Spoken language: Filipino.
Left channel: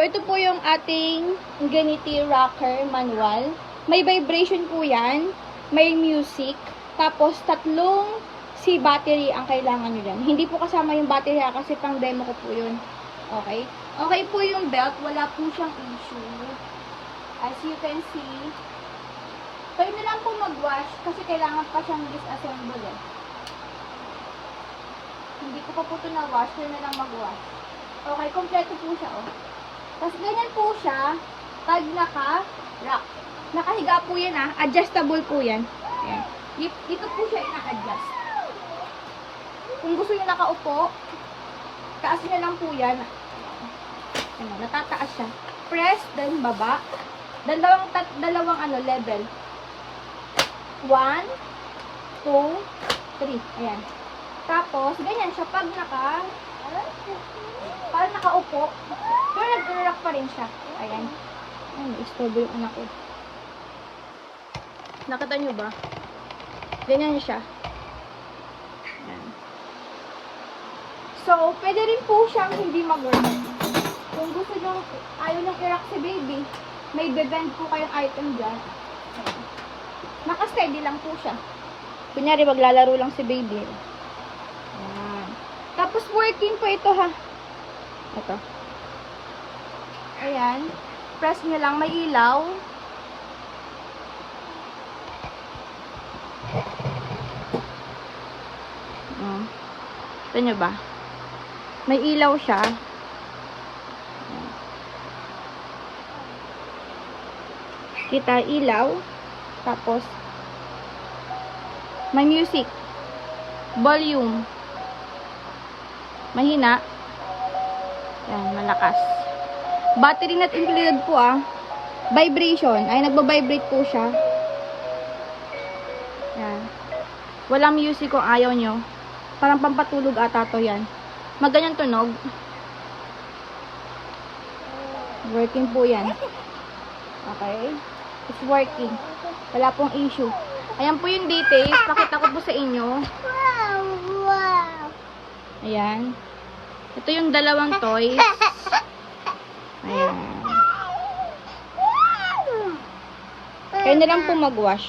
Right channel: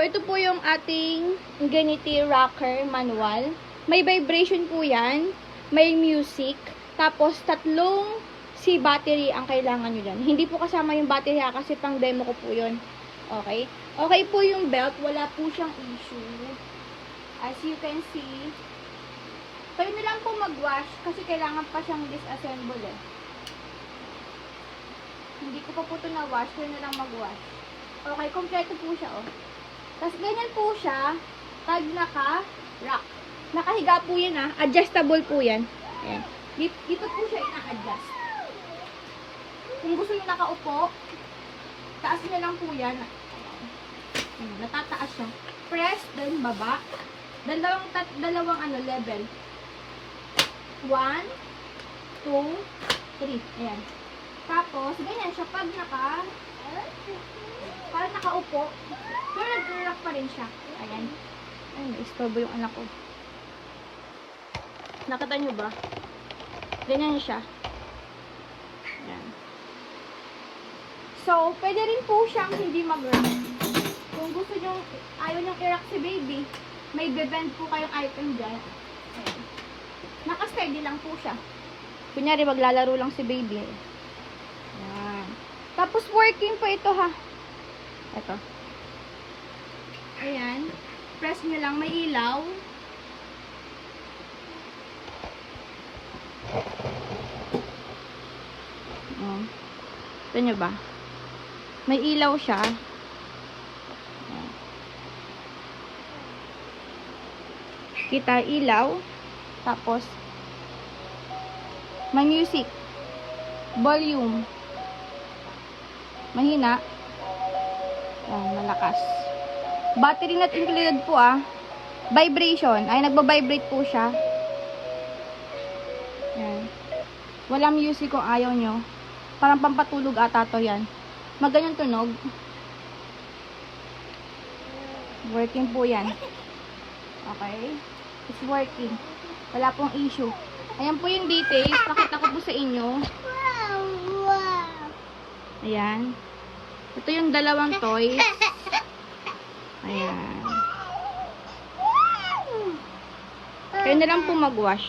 Ito po yung ating Ingenuity Rocker manual. May vibration po yan. May music. Tapos, 3 C battery ang kailangan nyo dyan. Hindi po kasama yung battery kasi pang demo ko po yun. Okay? Okay po yung belt. Wala po siyang issue. As you can see. Kayo na lang po mag-wash kasi kailangan pa siyang disassemble eh. Hindi ko pa po ito na-wash. Kayo na lang mag-wash. Okay, kompleto po siya oh. Tapos ganyan po siya, pag naka-rock. Nakahiga po yan adjustable po yan. Ayan. Dito po siya ina-adjust. Kung gusto nyo nakaupo, taas na lang po yan. Ayan, natataas siya. Press, then baba. Dalawang level. 1, 2, 3. Ayan. Tapos, ganyan siya pag parang nakaupo. Pero nag-rock pa rin siya. Ayan. Ay, istorbo yung anak ko. Nakita nyo ba? Ganyan siya. Ayan. So, pwede rin po siyang hindi mag-work. Kung gusto nyo, ayaw nyo i-rock si baby, may bebend po kayong item dyan. Ayan. Naka-steady lang po siya. Kunyari, maglalaro lang si baby. Ayan. Tapos, working po ito ha. Ito. Ayan. Press nyo lang. May ilaw. Ito nyo ba? May ilaw siya. Kita ilaw. Tapos, may music. Volume. Mahina. Ayan, malakas. Battery not included po Vibration. Ay, nagba-vibrate po siya. Ayan. Walang music kung ayaw nyo. Parang pampatulog ata to yan. Maganyang tunog. Working po yan. Okay? It's working. Wala pong issue. Ayan po yung details. Pakita ko po sa inyo. Ayan. Ito yung 2 toys. Ayan. Kaya na lang po mag-wash.